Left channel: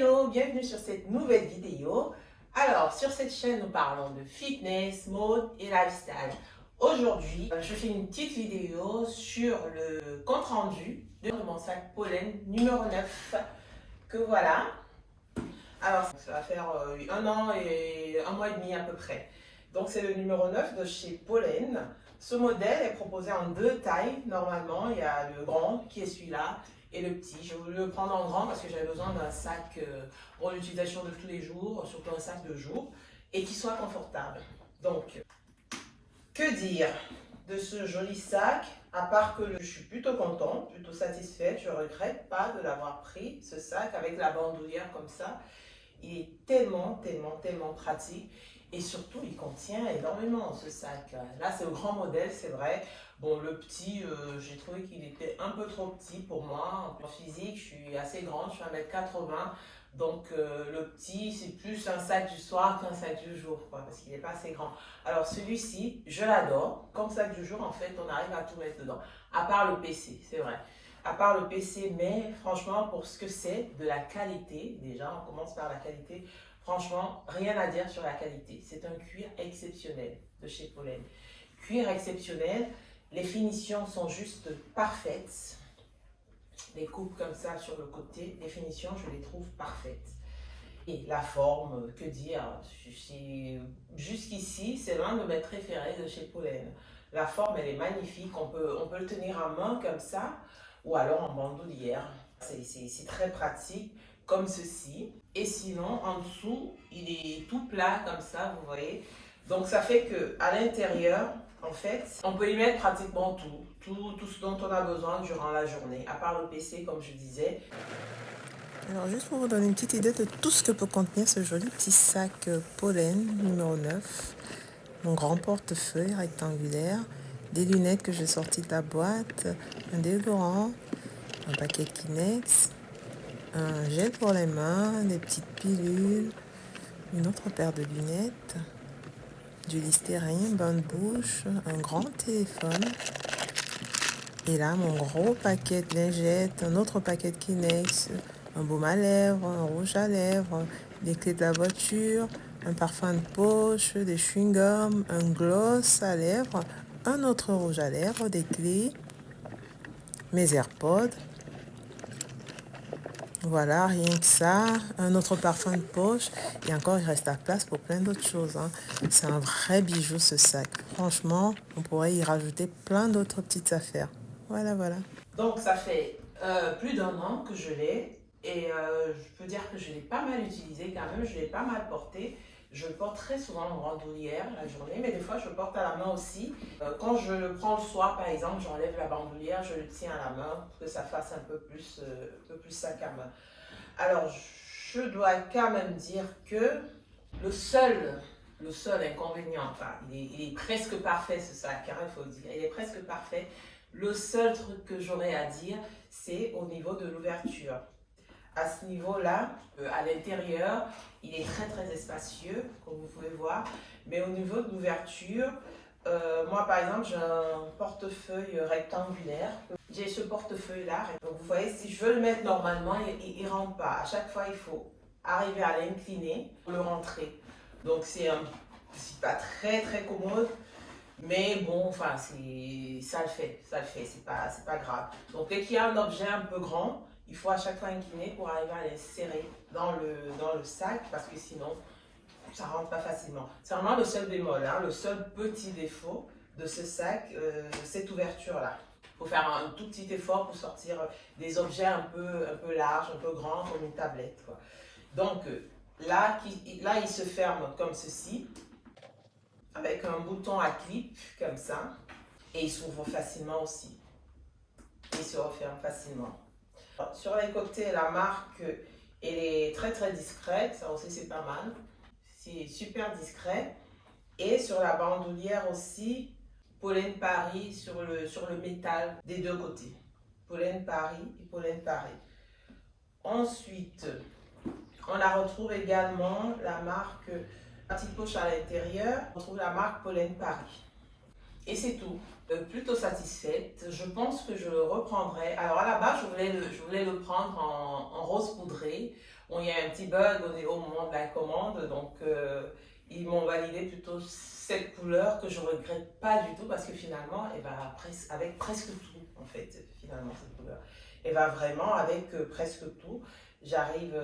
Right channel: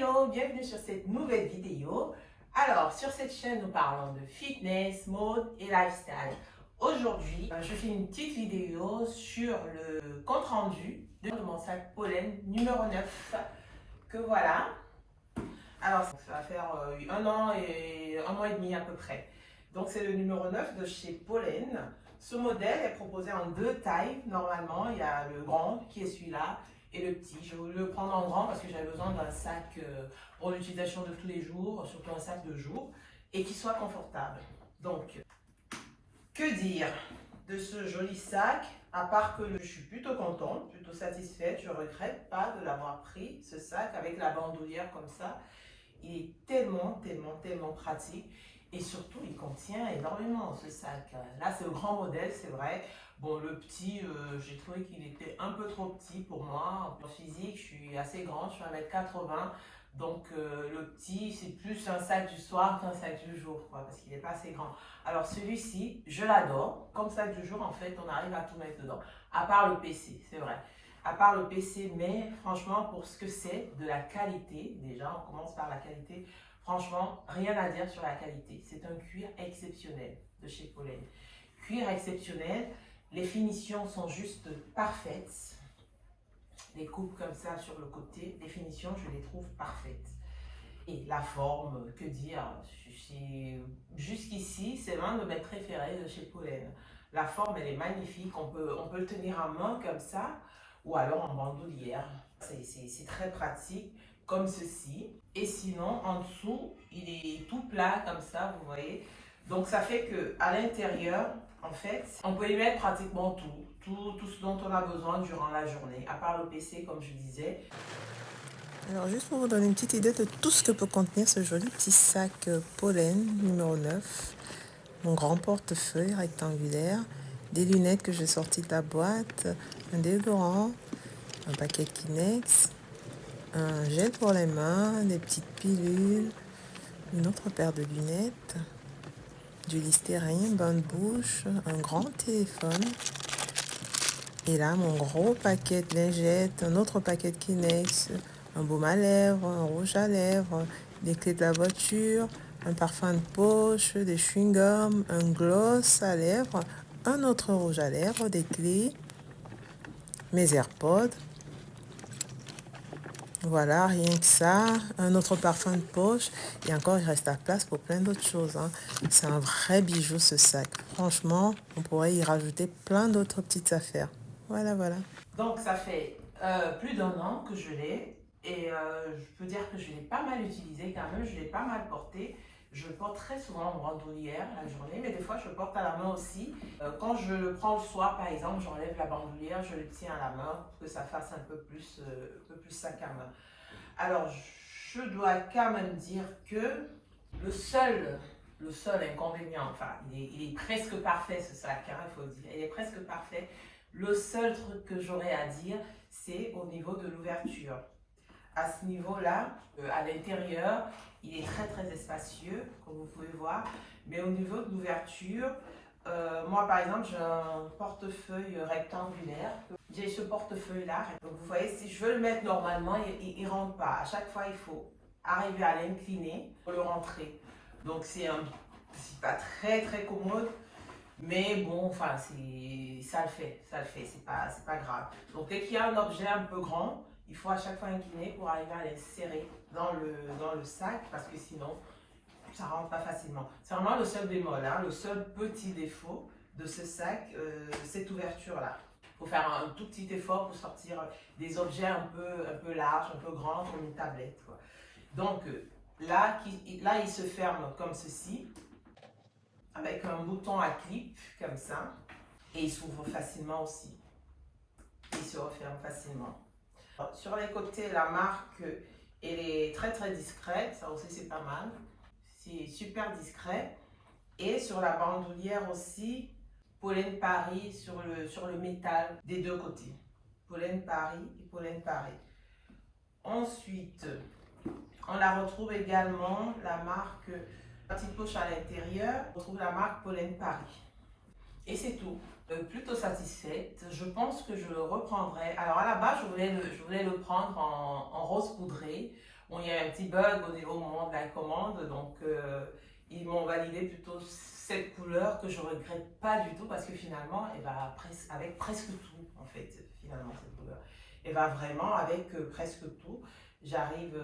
Hello, bienvenue sur cette nouvelle vidéo. Alors, sur cette chaîne, nous parlons de fitness, mode et lifestyle. Aujourd'hui, je fais une petite vidéo sur le compte rendu de mon sac Pollen numéro 9, que voilà. Alors, ça va faire un an et un mois et demi à peu près. Donc, c'est le numéro 9 de chez Pollen. Ce modèle est proposé en deux tailles. Normalement, il y a le grand qui est celui-là et le petit. Je voulais le prendre en grand parce que j'avais besoin d'un sac pour l'utilisation de tous les jours, surtout un sac de jour, et qui soit confortable. Donc, que dire de ce joli sac, à part que je suis plutôt contente, plutôt satisfaite. Je ne regrette pas de l'avoir pris, ce sac, avec la bandoulière comme ça. Il est tellement pratique. Et surtout, il contient énormément ce sac. Là, c'est le grand modèle, c'est vrai. Bon, le petit, j'ai trouvé qu'il était un peu trop petit pour moi. En physique, je suis assez grande, je suis 1m80. Donc, le petit, c'est plus un sac du soir qu'un sac du jour, quoi, parce qu'il n'est pas assez grand. Alors, celui-ci, je l'adore. Comme sac du jour, en fait, on arrive à tout mettre dedans. À part le PC, c'est vrai. À part le PC, mais franchement, pour ce que c'est, de la qualité, déjà, on commence par la qualité. Franchement, rien à dire sur la qualité. C'est un cuir exceptionnel de chez Pollen. Cuir exceptionnel, les finitions sont juste parfaites. Les coupes comme ça sur le côté, les finitions, je les trouve parfaites. Et la forme, que dire, jusqu'ici, c'est l'un de mes préférés de chez Pollen. La forme, elle est magnifique, on peut le tenir à main comme ça, ou alors en bandoulière. C'est très pratique, comme ceci. Et sinon, en dessous, il est tout plat comme ça, vous voyez. Donc ça fait que à l'intérieur, en fait, on peut y mettre pratiquement tout ce dont on a besoin durant la journée, à part le PC, comme je disais. Alors juste pour vous donner une petite idée de tout ce que peut contenir ce joli petit sac Pollen numéro 9, mon grand portefeuille rectangulaire, des lunettes que j'ai sorties de la boîte, un déodorant, un paquet de Kleenex, un gel pour les mains, des petites pilules, une autre paire de lunettes, du Listerine, bain de bouche, un grand téléphone. Et là, mon gros paquet de lingettes, un autre paquet de Kleenex, un baume à lèvres, un rouge à lèvres, des clés de la voiture, un parfum de poche, des chewing-gums, un gloss à lèvres, un autre rouge à lèvres, des clés, mes AirPods. Voilà, rien que ça, un autre parfum de poche, et encore il reste la place pour plein d'autres choses, hein. C'est un vrai bijou ce sac. Franchement, on pourrait y rajouter plein d'autres petites affaires. Voilà. Donc ça fait plus d'un an que je l'ai et je peux dire que je l'ai pas mal utilisé quand même, je l'ai pas mal porté. Je le porte très souvent en bandoulière la journée, mais des fois je le porte à la main aussi. Quand je le prends le soir par exemple, j'enlève la bandoulière, je le tiens à la main pour que ça fasse un peu plus sac à main. Alors je dois quand même dire que le seul inconvénient, enfin il est presque parfait ce sac, hein, il faut le dire, il est presque parfait. Le seul truc que j'aurais à dire, c'est au niveau de l'ouverture. À ce niveau-là, à l'intérieur, il est très spacieux, comme vous pouvez voir. Mais au niveau de l'ouverture, moi par exemple, j'ai un portefeuille rectangulaire. J'ai ce portefeuille-là. Donc vous voyez, si je veux le mettre normalement, il ne rentre pas. À chaque fois, il faut arriver à l'incliner pour le rentrer. Donc c'est pas très commode. Mais bon, enfin, ça le fait, c'est pas grave. Donc dès qu'il y a un objet un peu grand, il faut à chaque fois incliner pour arriver à l'insérer dans le sac, parce que sinon, ça ne rentre pas facilement. C'est vraiment le seul bémol, hein, le seul petit défaut de ce sac, de cette ouverture-là. Il faut faire un tout petit effort pour sortir des objets un peu larges, un peu grands, comme une tablette, quoi. Donc là, il se ferme comme ceci, avec un bouton à clip comme ça, et il s'ouvre facilement aussi. Il se referme facilement. Sur les côtés, la marque, elle est très discrète, ça aussi c'est pas mal. C'est super discret. Et sur la bandoulière aussi, Pollen Paris sur le métal des deux côtés. Pollen Paris et Pollen Paris. Ensuite, on la retrouve également, la marque, petite poche à l'intérieur, on trouve la marque Pollen Paris. Et c'est tout. Plutôt satisfaite. Je pense que je le reprendrai. Alors à la base, je voulais le prendre en rose poudré Bon, il y a un petit bug au moment de la commande, donc ils m'ont validé plutôt cette couleur que je regrette pas du tout parce que finalement, elle va avec presque tout, en fait, finalement, cette couleur. Elle va vraiment avec presque tout. J'arrive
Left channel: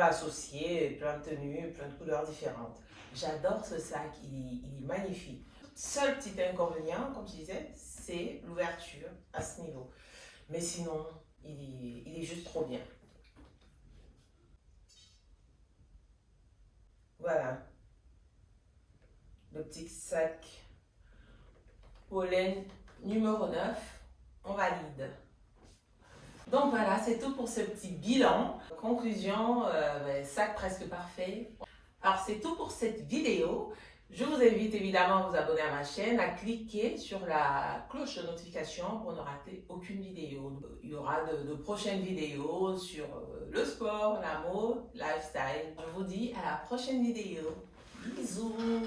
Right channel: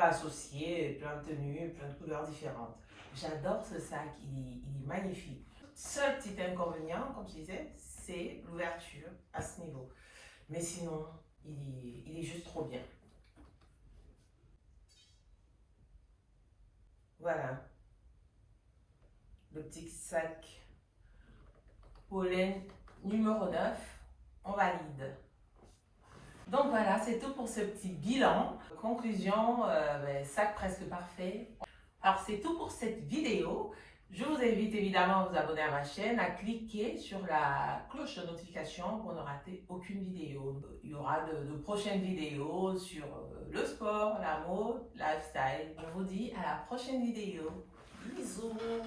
à associer plein de tenues, plein de couleurs différentes. J'adore ce sac, il est magnifique. Seul petit inconvénient, comme tu disais, c'est l'ouverture à ce niveau. Mais sinon, il est juste trop bien. Voilà, le petit sac pollen numéro 9, on valide. Donc voilà, c'est tout pour ce petit bilan. Conclusion, sac presque parfait. Alors c'est tout pour cette vidéo. Je vous invite évidemment à vous abonner à ma chaîne, à cliquer sur la cloche de notification pour ne rater aucune vidéo. Il y aura de prochaines vidéos sur le sport, la mode, lifestyle. Je vous dis à la prochaine vidéo. Bisous!